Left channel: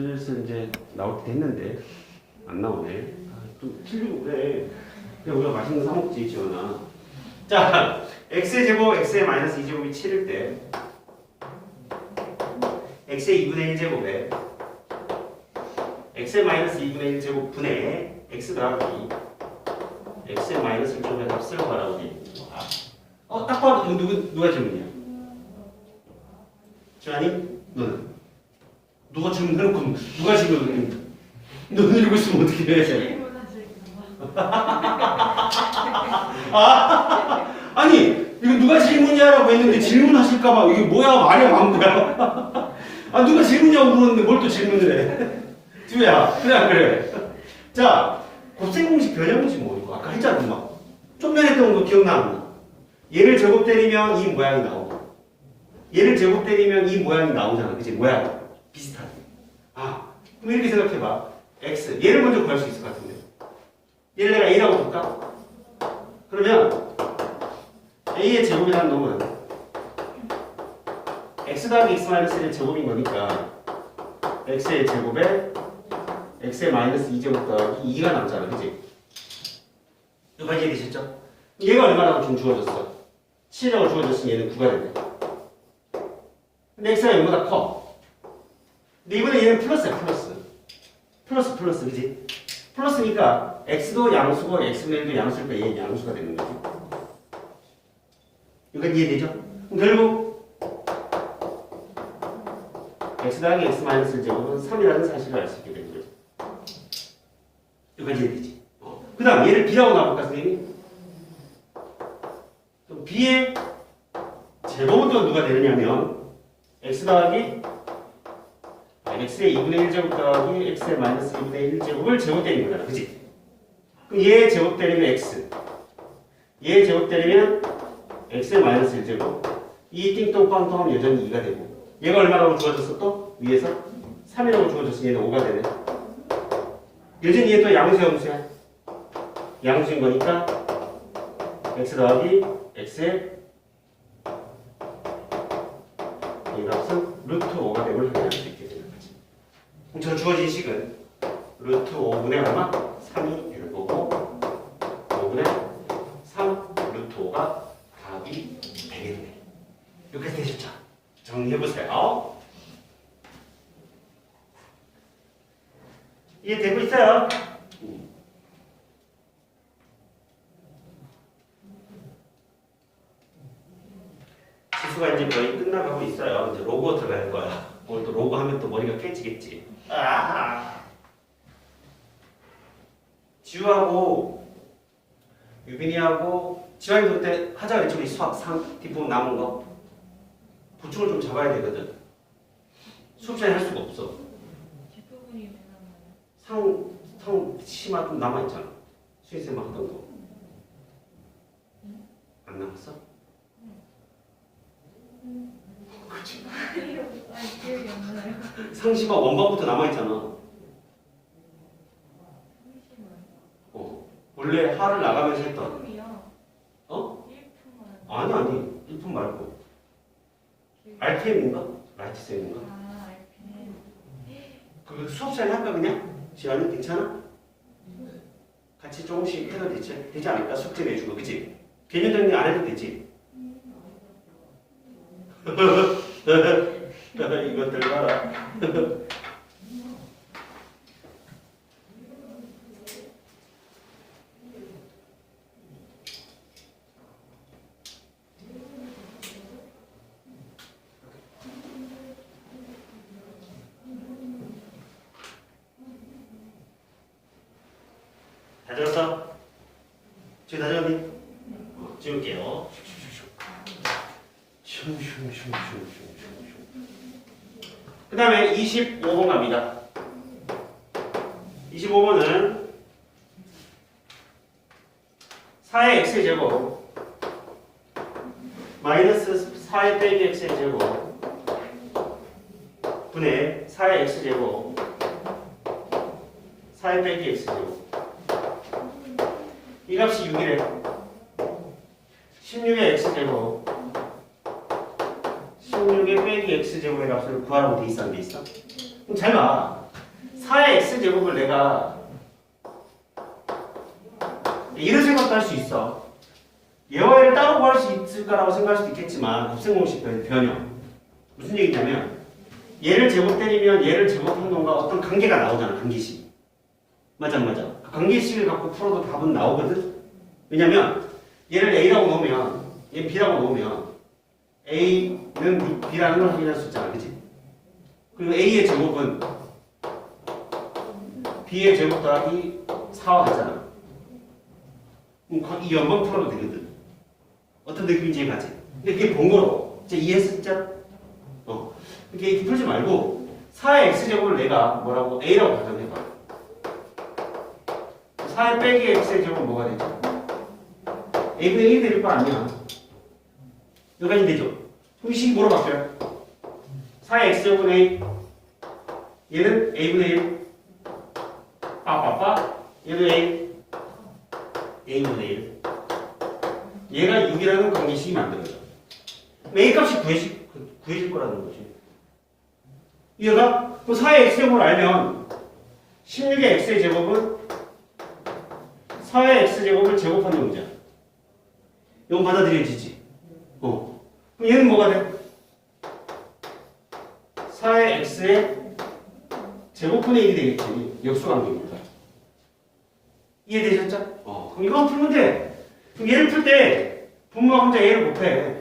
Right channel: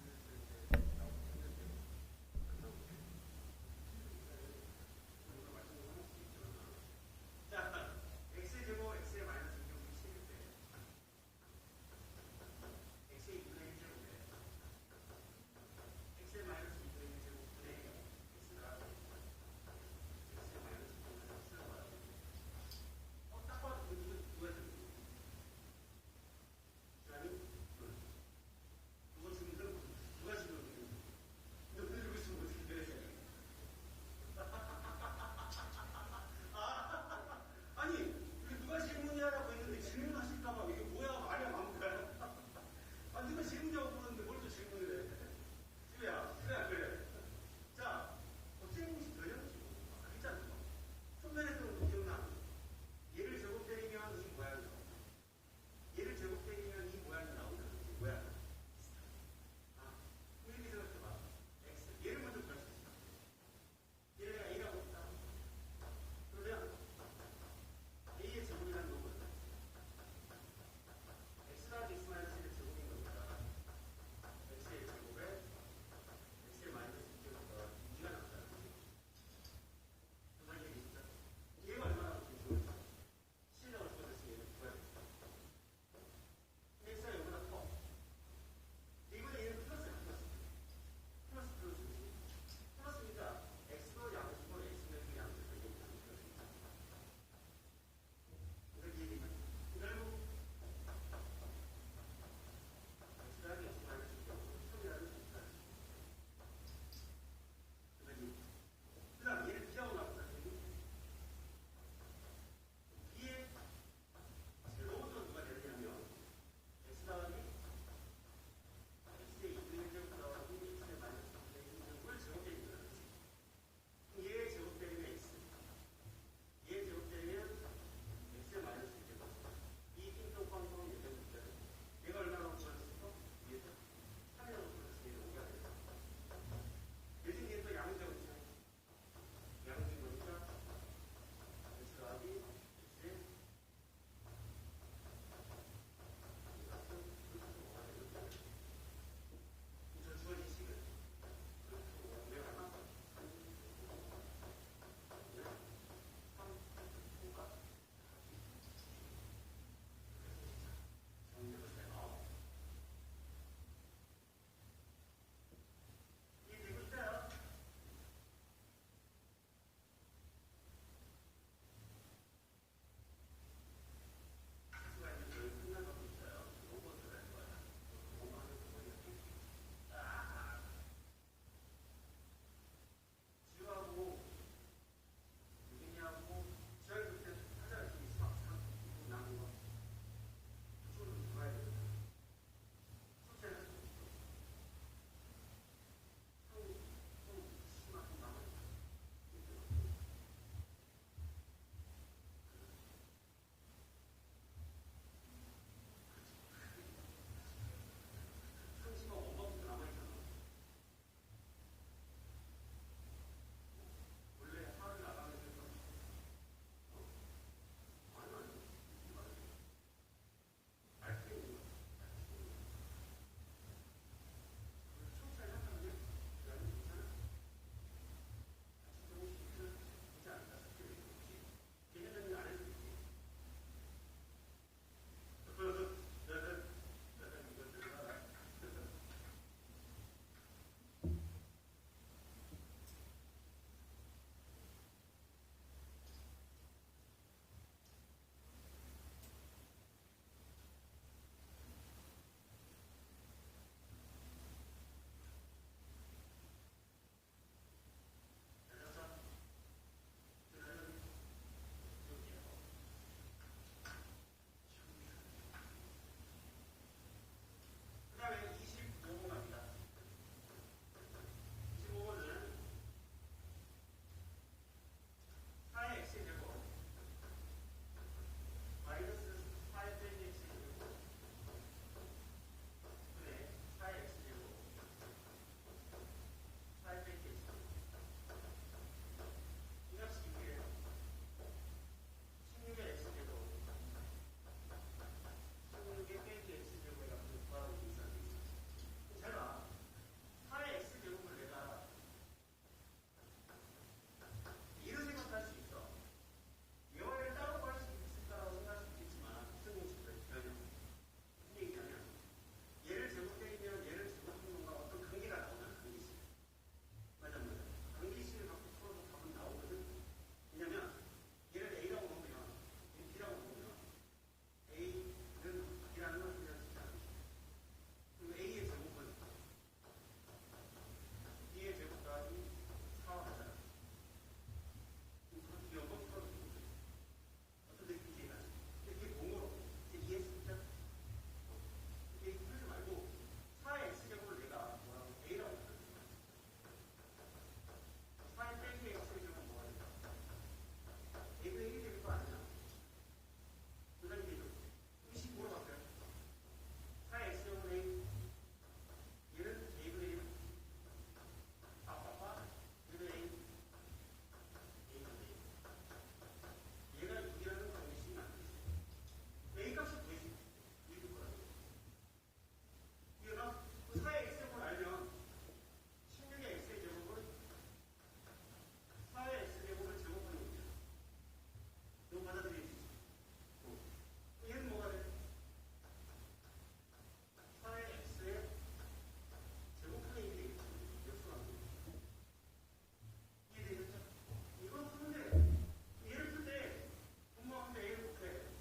슬슬 이제 때 됐는데 안 나오네. 아, 좀 틀리고 그래. 그냥 우리가 맛있는 거 사 먹지 지원아. 자, x의 제곱, x의 마이너스 2제곱이 7일 때 x의 2분의 1 제곱에 x의 마이너스 2분의 1 제곱 분의 x 더하기 x의 마이너스 1 제곱의 값을 구하라고 돼. 어, 딱 봐도 누가 질문이야? 지환이? 너는? 누가 질문해놓고 누가 질문을 너는 이러고 있으면 어떻게 해? 아니 이거 누가 질문이야라고 했는데 질문하실까봐 이게 뭐야 말이 많고야. 아 누가 질문이냐고 물었는데 뭘 또 질문을 해? 두야 그래 안 그래? 자 곱셈 공식 변형이지 뭐 이거 아까 했잖아 엄마. 좀 전에 했던 거 기억나 안 나? 얘를 제곱 때리면 이 모양이 나오고 얘를 제곱 때리면 이 모양이 나오잖아 그치 모양 아 그럼 이렇게 생각해봐 x 얘를 먼저 구할 수 있을 것 같은데 얘를 내가 a라고 볼까? 그러면 a의 제곱이라는 놈은 x 더하기 x 마이너스 1의 제곱인 거니까 x의 제곱에 x의 마이너스 2제곱 더하기 2가 남잖아 그치? 여기까지 이해되셨죠? 얘가 얼마라고 좀 주어졌어? 7이라고 주어졌으니 얘는 9가 됐네 근데 x가 0보다 커 근데 이번에 얘는 플러스야 플러스 플러스 플러스 그지? 플러스니까 x도 양수고 1도 양수니까 얘는 양수가 되는 거지 여기까지 이해되죠? 그럼 결국 x 더하기 x 마이너스 1 제곱은 3이라는 사실을 알 수 있게 되는 거죠 여기까지 이해되지? 어. 그 다음 얘를 b라고 나볼까 선생님이? 그럼 b의 제곱은 또 누가 되느냐면 x 더하기 x의 2분의 1 제곱 더하기 x의 마이너스 2분의 1 제곱을 제곱 때리는 거잖아 그지? 그럼 얘 제곱 때리면 x. 얘 제곱 때리면 x의 마이너스 1 제곱. 이 띵똥빵똥 하면 여전히 2가 되고. 얘가 얼마라고 주어졌어 또? 위에서? 3이라고 주어졌으니 얘는 5가 되네. 여전히 얘 또 양수 양수야? 양수인 거니까 x 더하기 x의 이 값은 루트 5가 됨을 확인할 수 있게. 되는 거지. 그럼 저 주어진 식은 루트 5분의 얼마? 3이 되는 거고 5분의 3 루트 5가 답이 되겠네. 여기까지 되셨죠? 정리해보세요. 이해되고 있어요? 지수가 이제 거의 끝나가고 있어요. 이제 로고 들어갈 거야. 오늘 또 로고 하면 또 머리가 깨지겠지. 아! 지우하고 유빈이하고 지환이도 그때 하자 우리 수학 상 뒷부분 남은 거 보충을 좀 잡아야 되거든. 수업 시간에 할 수가 없어. 뒷부분이? 상, 상 시만큼 남아있잖아. 수인쌤만 하던 거. 안 남았어? 그치. 상시가 원반부터 남아있잖아. 어. 원래 하를 나가면서 했던. 어? 아니, 아니. 1품 말고. RTM인가? 라이트쌤인가? 그거 수업 시간에 할까, 그냥? 지안이 괜찮아? 같이 조금씩 해도 되지, 되지 않을까? 숙제 내주고, 그치? 개념 정리 안 해도 되지? 이것들 봐라. 어, 지울게요. 그 다음에 25번 갑니다. 25번은 4의 x의 제곱 마이너스 4의 빼기 x의 제곱 분의 4의 x 제곱 4의 빼기 x 제곱. 이 값이 6이래. 16의 x제곱. 16의 빼기 x제곱의 값을 구하라고 돼 있어 안 돼 있어? 그럼 잘 봐. 4의 x제곱을 내가 이런 생각도 할 수 있어. 얘와 얘를 따로 구할 수 있을까라고 생각할 수도 있겠지만 합생 공식 변- 변형 무슨 얘기냐면 얘를 제곱 때리면 얘를 제곱한 놈과 어떤 관계가 나오잖아 관계식 맞아 맞아 그 관계식을 갖고 풀어도 답은 나오거든 왜냐면 얘를 A라고 놓으면 얘 B라고 놓으면 A는 B라는 걸 확인할 수 있잖아 그치? 그리고 A의 제곱은 B의 제곱 더하기 4와 같잖아. 그럼 거- 이 연방 풀어도 되거든. 어떤 느낌인지 이해가지 근데 그게 번거로워 이제 이해했어 진짜? 어. 이렇게 이렇게 풀지 말고 4의 x제곱을 내가 뭐라고 a라고 가정해봐. 4의 빼기 x의 제곱은 뭐가 되죠? a분의 1이 될거 아니야 여기까지 되죠? 그럼 이 식이 뭐로 바뀌어요? 4의 x제곱은 a 얘는 a분의 1 빠빠빠 얘는 a a분의 1 얘가 6이라는 관계식이 만들어져 a 값이 구해질, 구해질 거라는 거지 이해가? 그럼 4의 x제곱을 알면 16의 x의 제곱은 4의 x제곱을 제곱하는 문제야. 이건 받아들여지지. 어. 그럼 얘는 뭐가 돼? 4의 x의 제곱분의 1이 되겠지. 역수관계니까. 이해되셨죠? 어. 그럼 이거 풀면 돼. 그럼 얘를 풀 때 분모가 혼자 a를 곱해.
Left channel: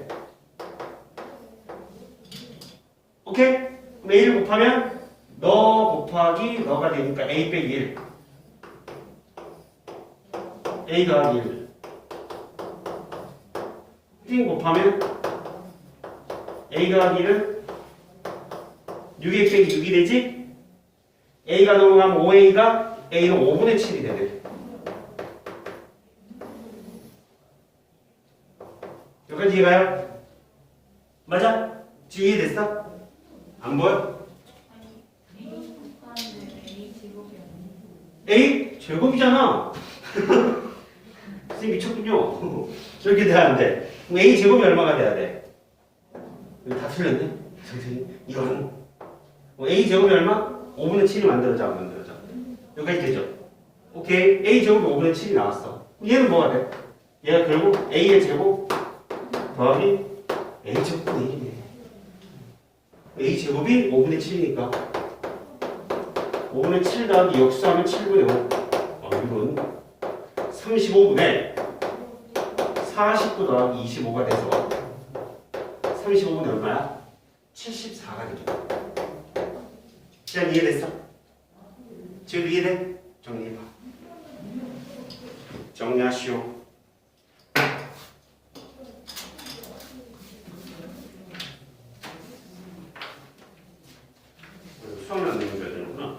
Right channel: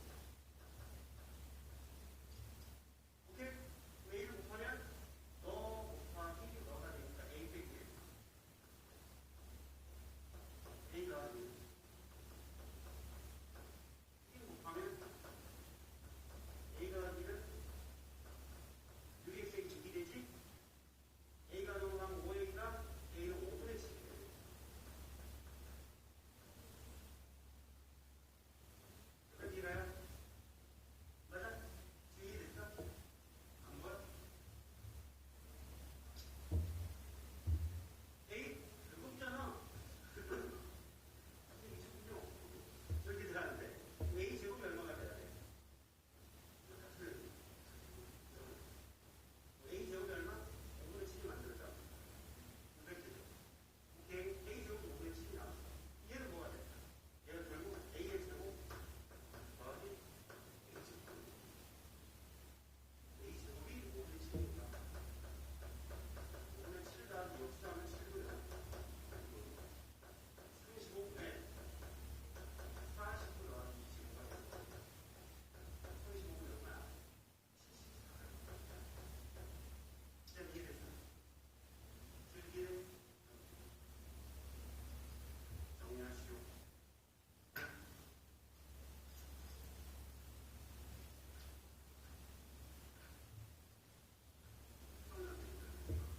오케이? 그럼 a를 곱하면 너 곱하기 너가 되니까 a 빼기 1 a 더하기 1띵 곱하면 a 더하기 1은 6a 빼기 6이 되지? a가 넘어가면 5a가 a는 5분의 7이 되네 여기까지 이해가요? 맞아? 지금 이해됐어? 안 보여? A 제곱이잖아. 선생님 미쳤군요. 저렇게 돼야 안 돼. A 제곱이 얼마가 돼야 돼? 이거 다 틀렸네. 선생님 이건 뭐 A 제곱이 얼마? 5분의 7이 만들어져 안 만들어져? 여기까지 되죠? 오케이. A 제곱이 5분의 7이 나왔어. 얘는 뭐가 돼? 얘가 결국 A의 제곱 더하기 A 제곱분의 1이네. A 제곱이 5분의 7이니까 5분의 7 더하기 역수하면 7분의 5. 어, 이건 35분의 49 더하기 25가 돼서 35분의 얼마야? 74가 되죠. 지금 이해됐어? 지금 이해돼? 정리해봐. 정리하시오. 내면 돼야 되는구나.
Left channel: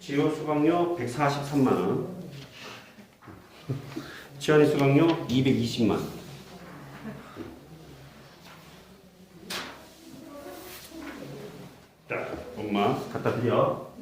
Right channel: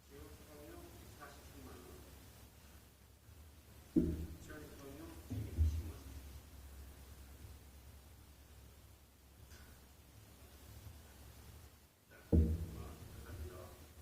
지호 수강료 143만 원. 지원이 수강료 220만 원. 자, 엄마 갖다 드려.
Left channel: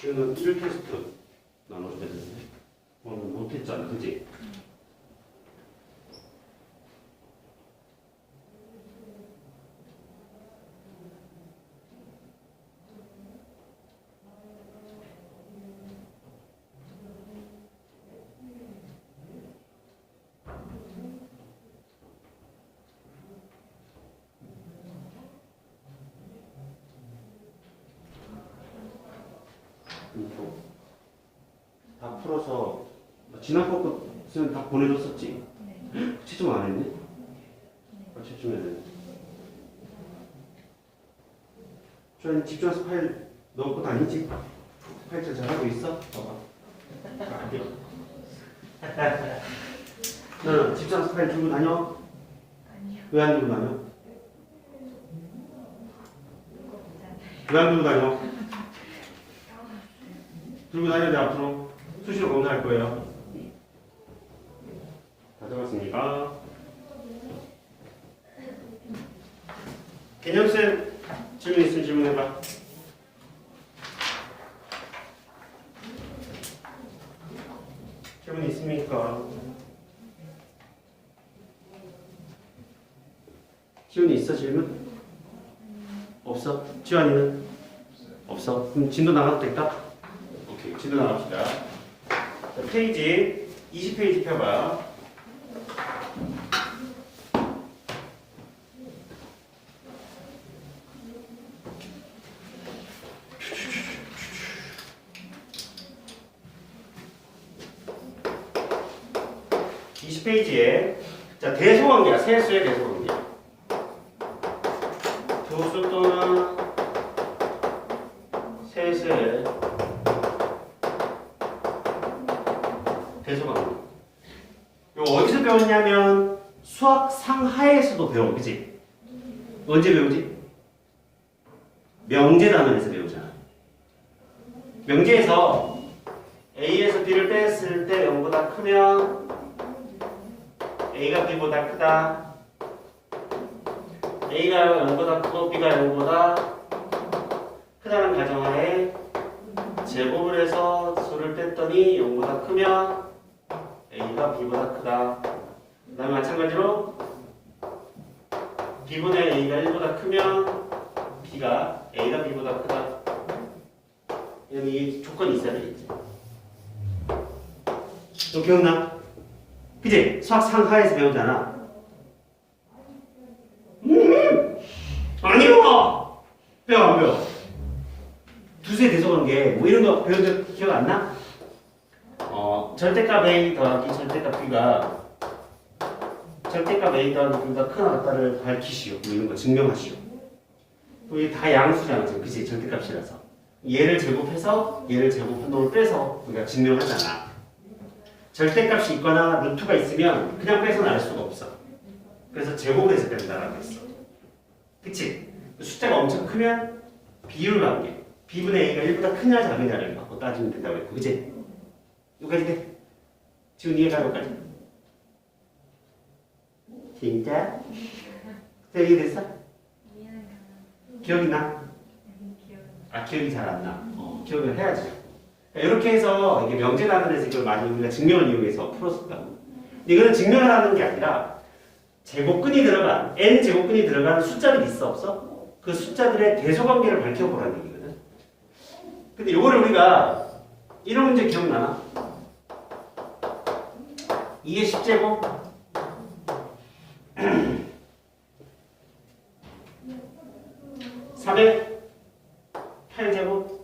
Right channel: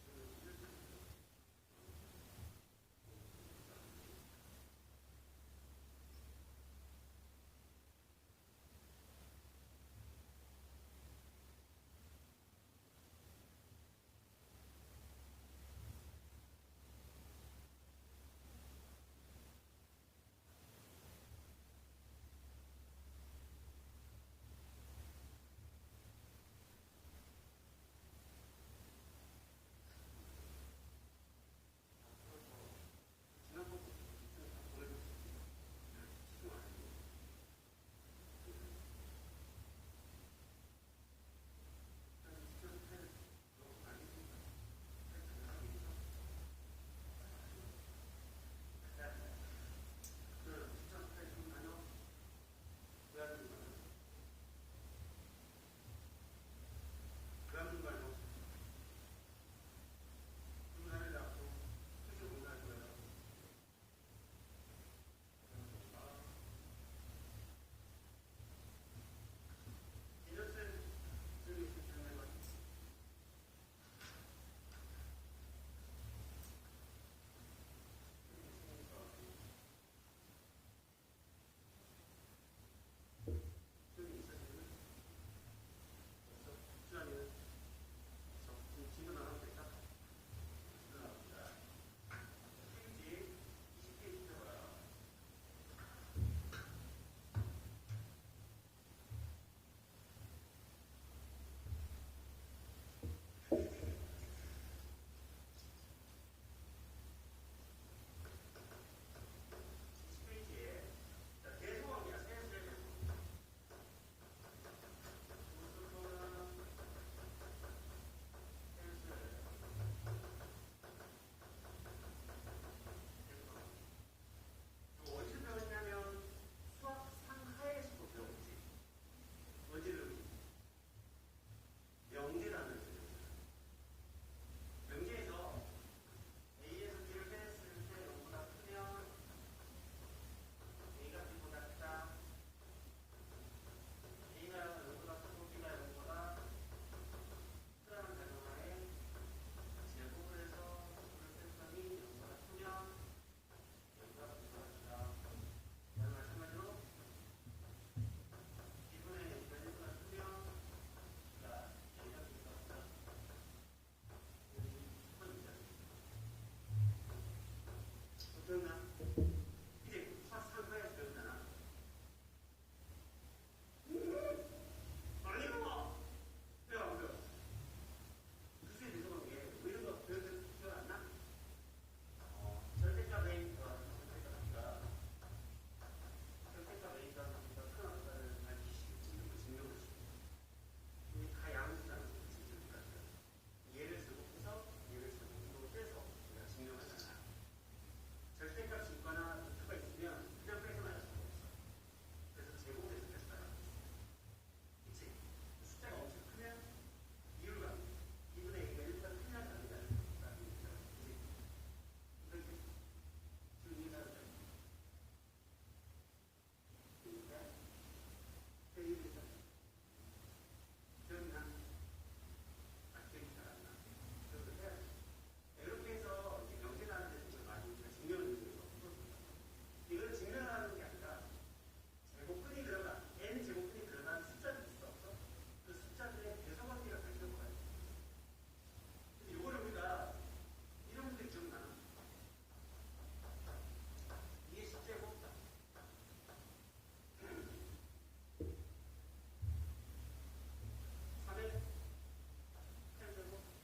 지우는 1 테스트 나눠야 되는데 오늘 못했잖아, 그지? 또 다 풀어서 지난 거 것은 다 보내줬었지? 네. 채점 안 했네? 아, 채점해야 돼. 저희 집중해서 파일 넣고 다니지? 파일 잘 잘하고 있어? 봐봐. 안 돼. 너는 집중해서 파일 들고 다녀? 아니요. 왜 안 들고 다녀? 왜 안 들고 다녀? 들고 다녀야 돼 앞으로 수시로 검사할 거예요 들어갔습니다. 개념쌤 질문 있으면 질문해봐. 질문 있습니까? 지훈이 있어 질문? 없어? 지환이는? 없어. 그럼 진도 나가도 될까? 오케이 진도 나갑시다. 자, 페이지 20페이지 펴봐. 수학 상하에서도 배워 그지? 언제 배우지? 명제 단원에서 배우잖아 명제에서 A에서 B를 뺐을 때 0보다 크면 A가 B보다 크다. A가 0보다 크고 B가 0보다 크다는 가정하에 제곱을 해서 수를 뺐더니 0보다 크면 A가 B보다 크다. 그 다음에 마찬가지로 B분의 A가 1보다 크면 B가 A가 B보다 크다. 이런 이 조건이 있어야 되겠지. 너 기억나? 그지? 수학 상하에서 배우잖아. 음, 아니요. 배워 안 배워? 두세 대소관계 뭐 이런 거 배운 적 기억 안 나? 어 절대값 A 더하기 절대값 B가 절대값 A 더하기 B가 크나 같다를 밝히시오. 뭐 이런 거 증명하시오. 우리 다 양수잖아 그지? 절대값이라서 얘를 제곱해서 얘를 제곱한 놈을 빼서 우리가 증명하잖아. 절대값이 있거나 루트가 있으면 그냥 빼서는 알 수가 없어. 그래서 제곱을 해서 된다라고 했어. 그치? 숫자가 엄청 크면 비율 관계. b분의 a가 1보다 크냐 작으냐를 갖고 따지면 된다고 했고. 그치? 여기까지 돼? 지금 이해가 여기까지? 진짜? 이해 됐어? 기억이 나? 아 기억이 잘 안 나. 어, 기억을 해야지. 이렇게 해서 이게 명제단원에서 이걸 많이 우리가 증명을 이용해서 풀었었다고. 이거는 증명을 하는 게 아니라 제곱근이 들어간 n 제곱근이 들어간 숫자들이 있어 없어? 그 숫자들의 대소관계를 밝혀보라는 얘기거든. 근데 이거를 우리가 이런 문제 기억나나? 2의 10제곱 3의 8제곱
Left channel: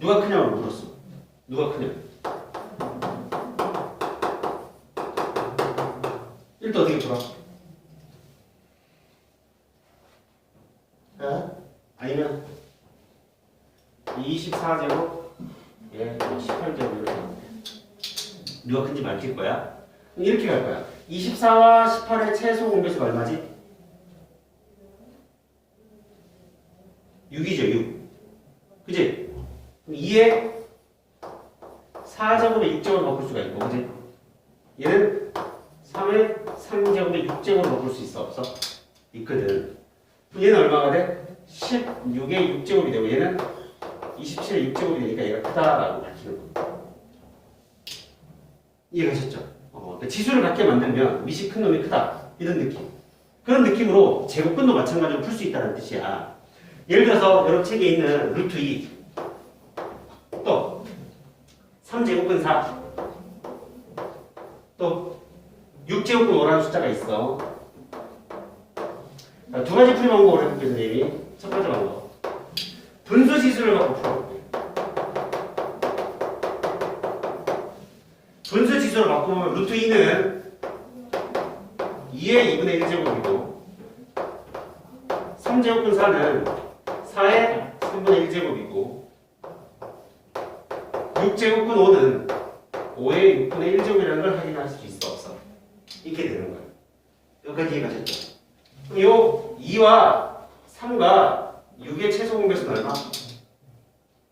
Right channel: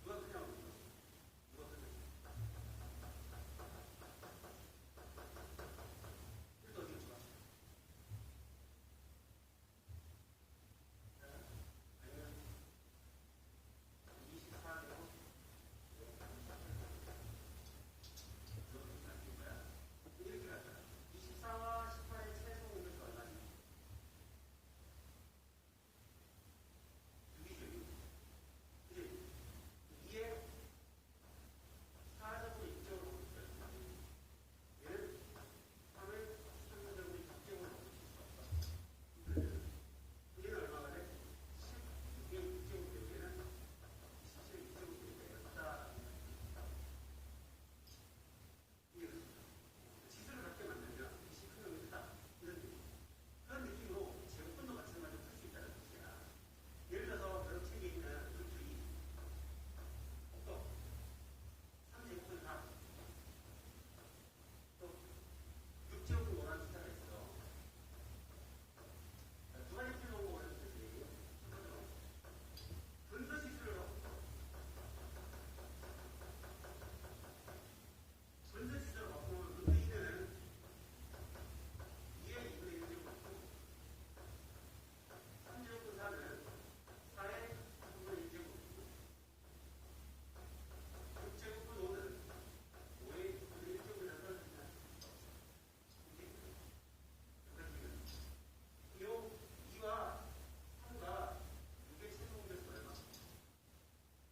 누가 크냐고 물었어. 누가 크냐? 일단 어떻게 풀어? 어? 아니면 24제곱 예, 18제곱 이렇게. 누가 큰지 밝힐 거야? 이렇게 갈 거야. 24와 18의 최소 공배수가 얼마지? 6이죠, 6. 그지? 2에 4제곱에 6제곱을 바꿀 수가 있고, 그지? 얘는 3에 3제곱에 6제곱을 바꿀 수 있어, 없어? 있거든. 그럼 얘는 얼마가 돼? 16에 6제곱이 되고, 얘는 27에 6제곱이 되니까 얘가 크다라고 밝히는 거야. 이해가셨죠? 어, 그러니까 지수를 갖게 만들면 밑이 큰 놈이 크다. 이런 느낌. 그런 느낌으로 제곱근도 마찬가지로 풀 수 있다는 뜻이야. 예를 들어서 여러분 책에 있는 루트 2, 또 3제곱근 4, 또 6제곱근 5라는 숫자가 있어. 자, 두 가지 풀이 방법을 해볼게요, 선생님이. 첫 번째 방법. 분수 지수를 갖고 풀어 지수를 바꾸면 루트 2는 2의 2분의 1제곱이고 3제곱근 4는 4의 3분의 1제곱이고 6제곱근 5는 5의 6분의 1제곱이라는 걸 확인할 수 있어 없어? 이렇게 되는 거야. 여기까지 이해가셨죠? 요 2와 3과 6의 최소 공배수는 얼마?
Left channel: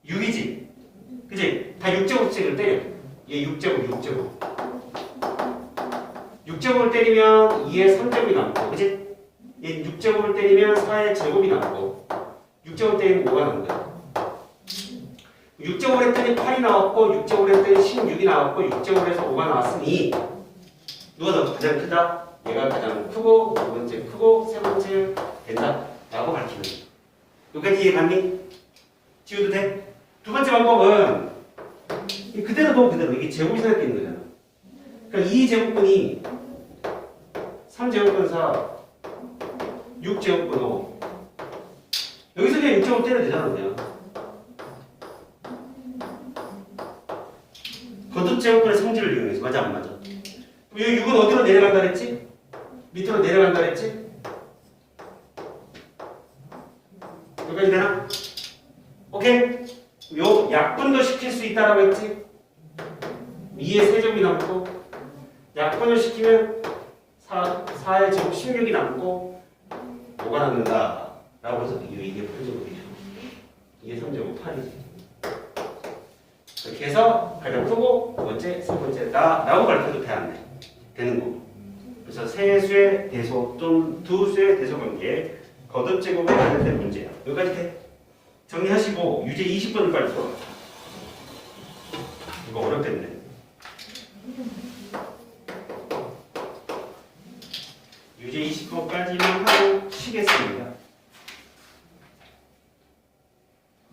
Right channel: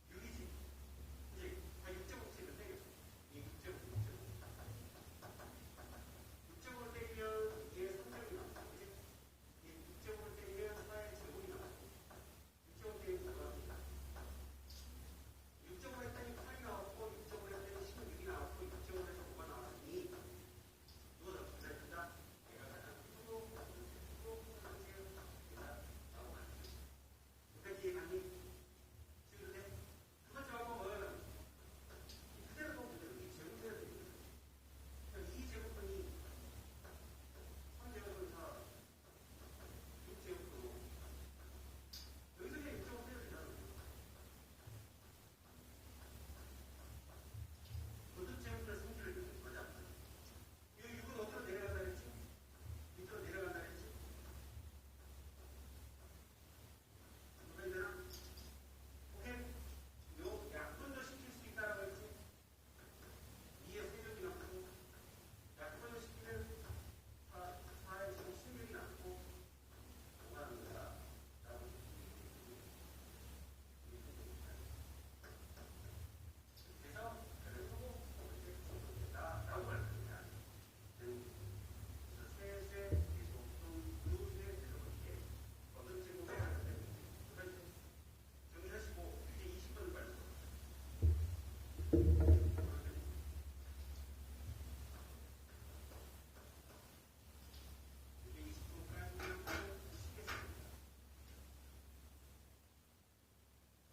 6이지? 그지? 다 6제곱씩을 때려. 얘 6제곱, 6제곱. 6제곱을 때리면 2의 3제곱이 남고, 그지? 얘 6제곱을 때리면 4의 제곱이 남고, 6제곱 때리면 5가 남는 거야. 6제곱을 했더니 8이 나왔고 6제곱을 했더니 16이 나왔고 6제곱을 해서 5가 나왔으니 누가 더 가장 크다? 얘가 가장 크고 두 번째 크고 세 번째 된다 라고 밝히는. 여기까지 이해갔니? 지워도 돼? 두 번째 방법은 이 그대로 둬 그대로 이게 제곱이 생각되는 거잖아 그러니까 2제곱분이 3제곱분 4 6제곱분 5 여기서 그냥 6제곱 때려도 되잖아 그냥 거듭 제곱분의 성질을 이용해서 맞아 안 맞아? 그럼 여기 6은 어디로 내려간다 그랬지? 밑으로 내려간다 그랬지? 여기까지 되나? 오케이? 요 약분도 시킬 수 있다라고 했지? 2의 세제곱이 남고 약분을 시키면 4, 4의 제곱 16이 남고 5가 남는다 라고 해서 이게, 이게 8제곱이죠. 이게 3제곱 8이지. 이렇게 해서 가장 크고 두 번째, 세 번째다 라고 가르쳐도 돼, 안 돼? 되는 거. 그래서 세 수의 대소 또는 두 수의 대소 관계 거듭 제곱에 관련된 문제야. 여기까지 돼? 정리하시고 유제 20번을 빨리 풀어 이거 어렵겠네 유제 20번까지만 하고 쉬겠습니다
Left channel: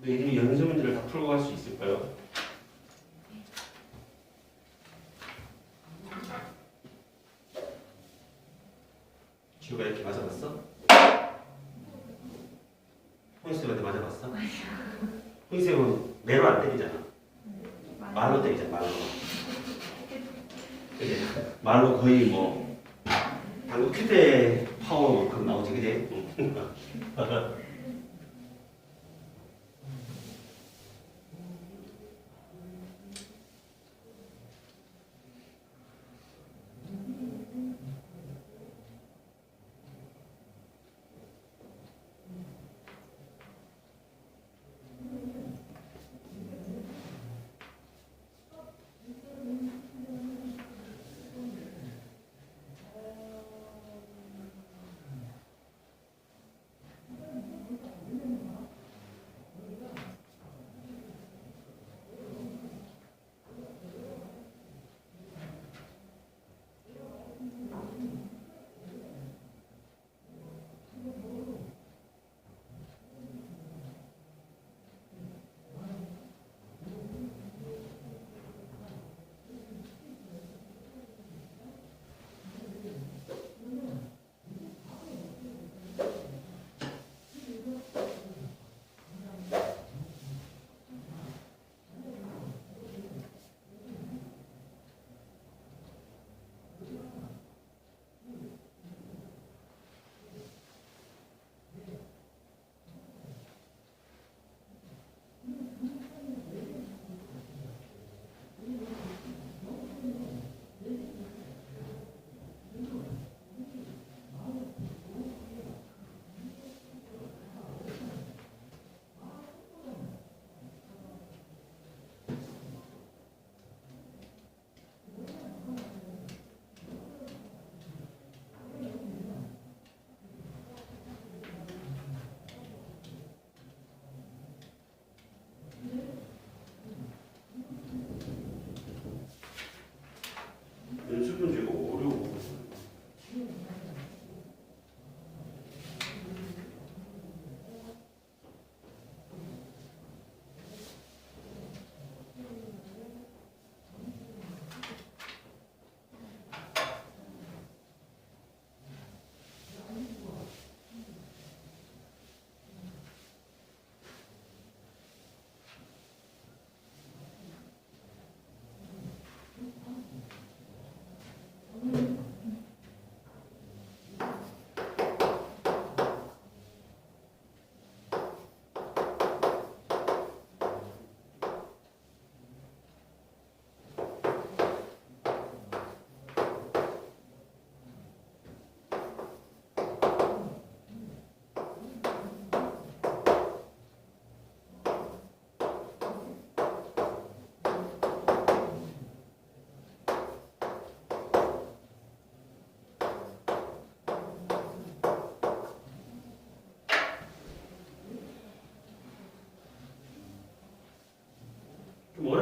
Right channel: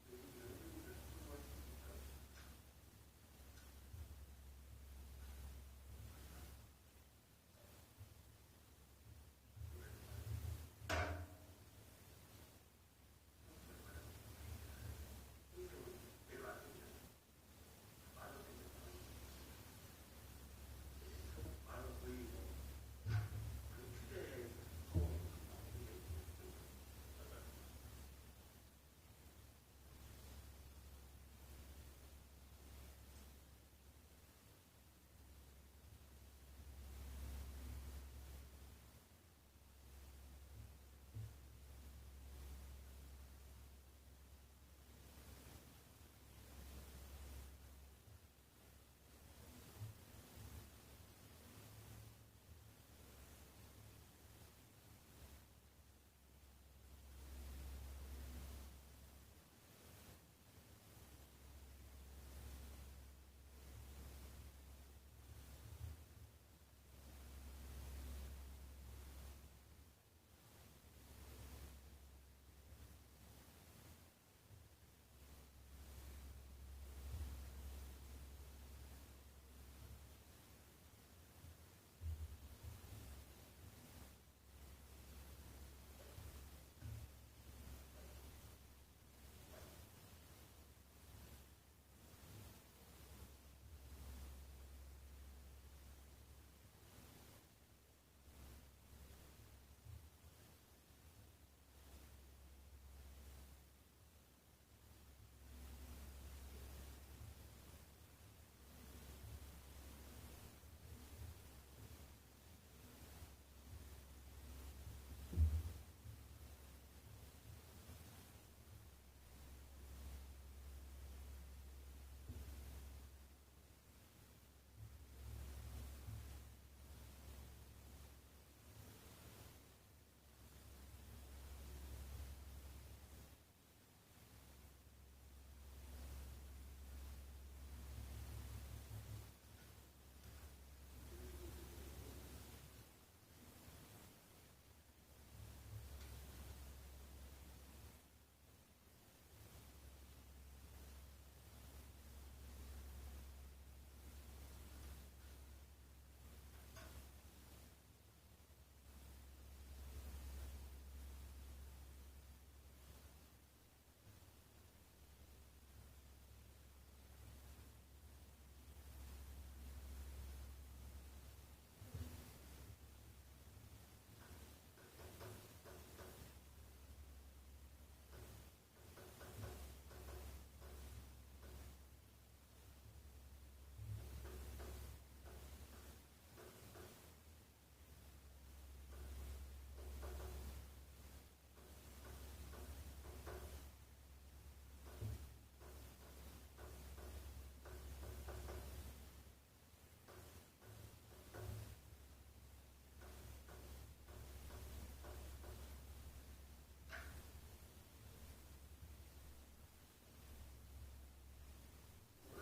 너희들이 연습 문제를 다 풀고 갈 수 있을까요? 지우가 이렇게 맞아봤어? 홍수한테 맞아봤어? 홍수는 매로 안 때리잖아 말로 때리잖아 말로 그지? 말로 거의 뭐 당구 큐대 파워만큼 나오지 그지?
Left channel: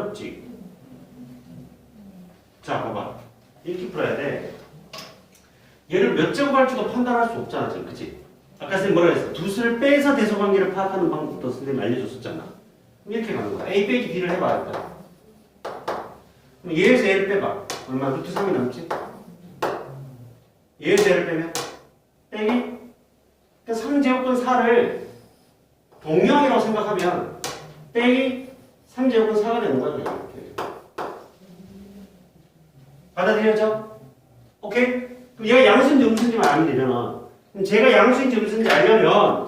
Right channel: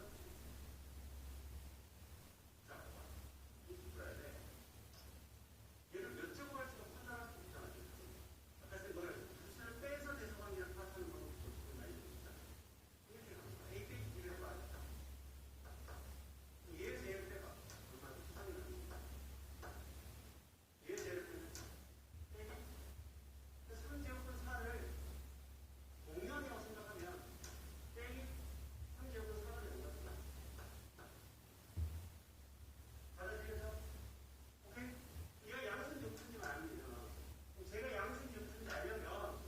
맞지? 자, 봐봐. 이렇게 풀어야 돼. 얘를 몇 제곱 할지도 판단할 수 없잖아, 지금. 그치? 아까 선생님 뭐라 그랬어? 두 수를 빼서 대소관계를 파악하는 방법도 선생님 알려줬었잖아. 그럼 이렇게 가는 거야. A 빼기 B를 해봐, 일단. 그럼 얘에서 얘를 빼봐. 얼마? 루트 3이 남지? 얘에서 얘를 빼면? 빼기? 그러니까 3제곱근 4를 동형이라고 생각하면 빼기 3제곱은 4가 되는. 그냥 이렇게. 받아들여져? 오케이? 그럼 얘가 양수인지 음수인지만 알면 되잖아. 그럼 제가 양수인지 음수인지 알려면 요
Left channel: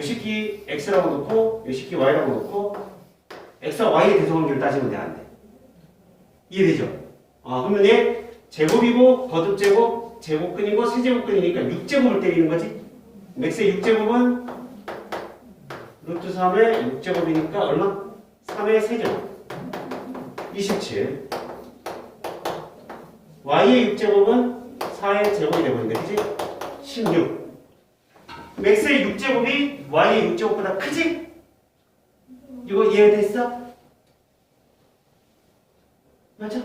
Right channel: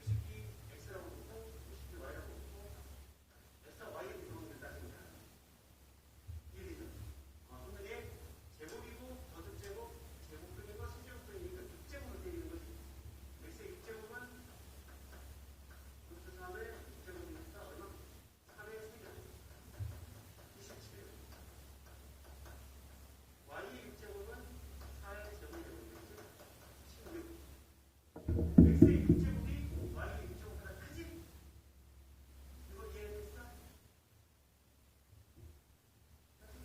식기 x라고 놓고 요 식기 y라고 놓고 x와 y의 대소관계를 따지면 돼, 안 돼? 이해되죠? 아, 그러면 얘 제곱이고 거듭 제곱, 제곱근이고 세제곱근이니까 6제곱을 때리는 거지? x의 6제곱은 루트 3의 6제곱이니까 얼마? 3의 세제곱 27 y의 6제곱은 4의 제곱이 되버린다 그지? 16 x의 6제곱이 y의 6제곱보다 크지? 이거 이해됐어? 맞아?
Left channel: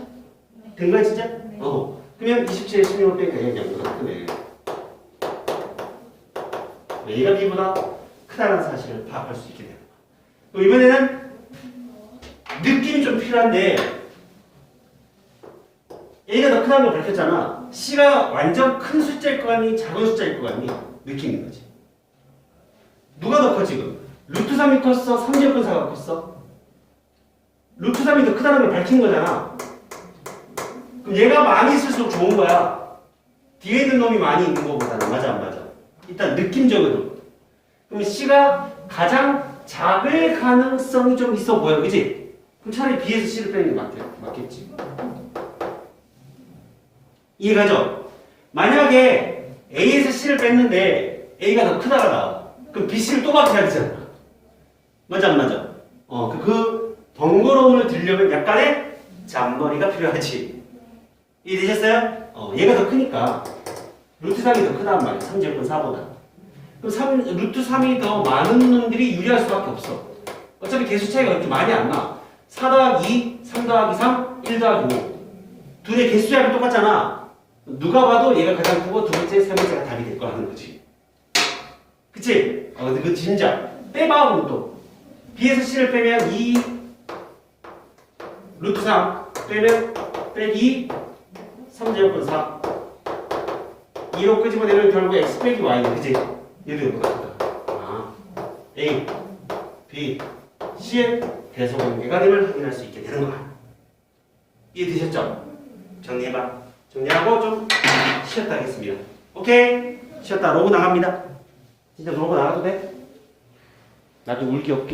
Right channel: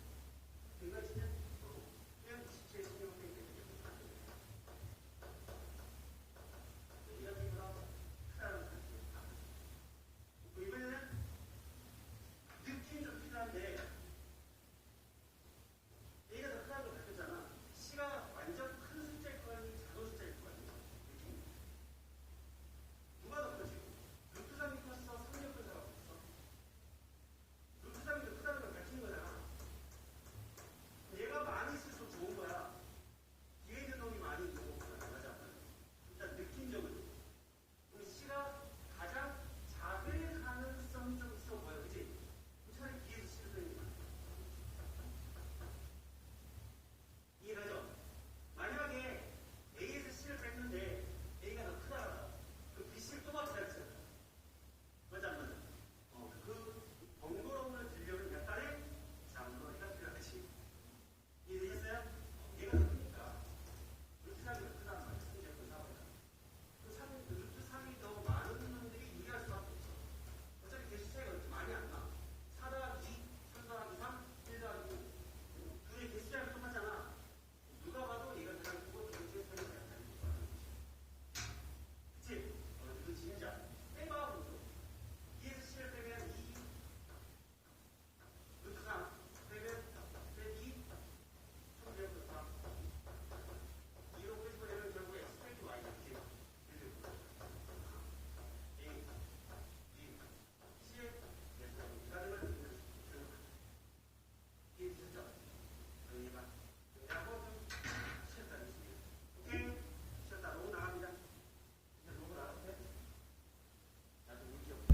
된 거야 진짜? 네. 어 그러면 27에 16을 빼니까 얘가 양보다 크네 A가 B보다 크다는 사실을 파악할 수 있게 됩니다. 그럼 이번에는 느낌이 좀 필요한데 A가 더 크다는 걸 밝혔잖아. C가 완전 큰 숫자일 것 같니? 작은 숫자일 것 같니? 느낌인 거지. 누가 더 커 지금? 루트 3이 컸어? 3제곱근 4가 컸어? 루트 3이 더 크다는 걸 밝힌 거잖아. 그럼 얘가 많이 있을수록 좋은 거야. 뒤에 있는 놈이 많이 있는 거보다는 맞아 안 맞아? 일단 느낌적으로. 그럼 C가 가장 작을 가능성이 좀 있어 보여, 그지? 그럼 차라리 B에서 C를 빼는 게 맞겠, 맞겠지. 이해가죠? 만약에 A에서 C를 뺐는데 A가 더 크다가 나와. 그럼 B, C를 또 맞춰야 되잖아. 맞아, 안 맞아? 어, 그, 그 번거로움을 들려면 약간의 잔머리가 필요하지. 이해되셨어요? 어, 얘가 더 크니까 루트 3이 더 크단 말이야. 3제곱은 4보다. 그럼 3, 루트 3이 더 많은 놈들이 유리할 수밖에 없어. 어차피 개수 차이가 그렇게 많이 안 나. 4 더하기 2, 3 더하기 3, 1 더하기 5. 둘의 개수 차이가 똑같잖아. 누가 봐도 얘가 가장 크고 두 번째, 세 번째가 답이 될 거라는 거지. 그치? 어, 그 진짜. 빼봐, 그럼 또. B에서 C를 빼면 2, 루트 3 빼면 빼기 3 제곱분 4. 2로 끄집어내면 결국 x 빼기 y네, 그치? 얘도 이거보다 크다. 아, A, B, C의 대소관계가 됨을 확인할 수 있게 되는 거야. 이해되셨죠? 정리해봐. 정리하고 좀 쉬었다 하겠습니다. 오케이? 쉬었다. 로고 나갑니다. 진짜 로고 나가도 돼? 나도 울기 없게.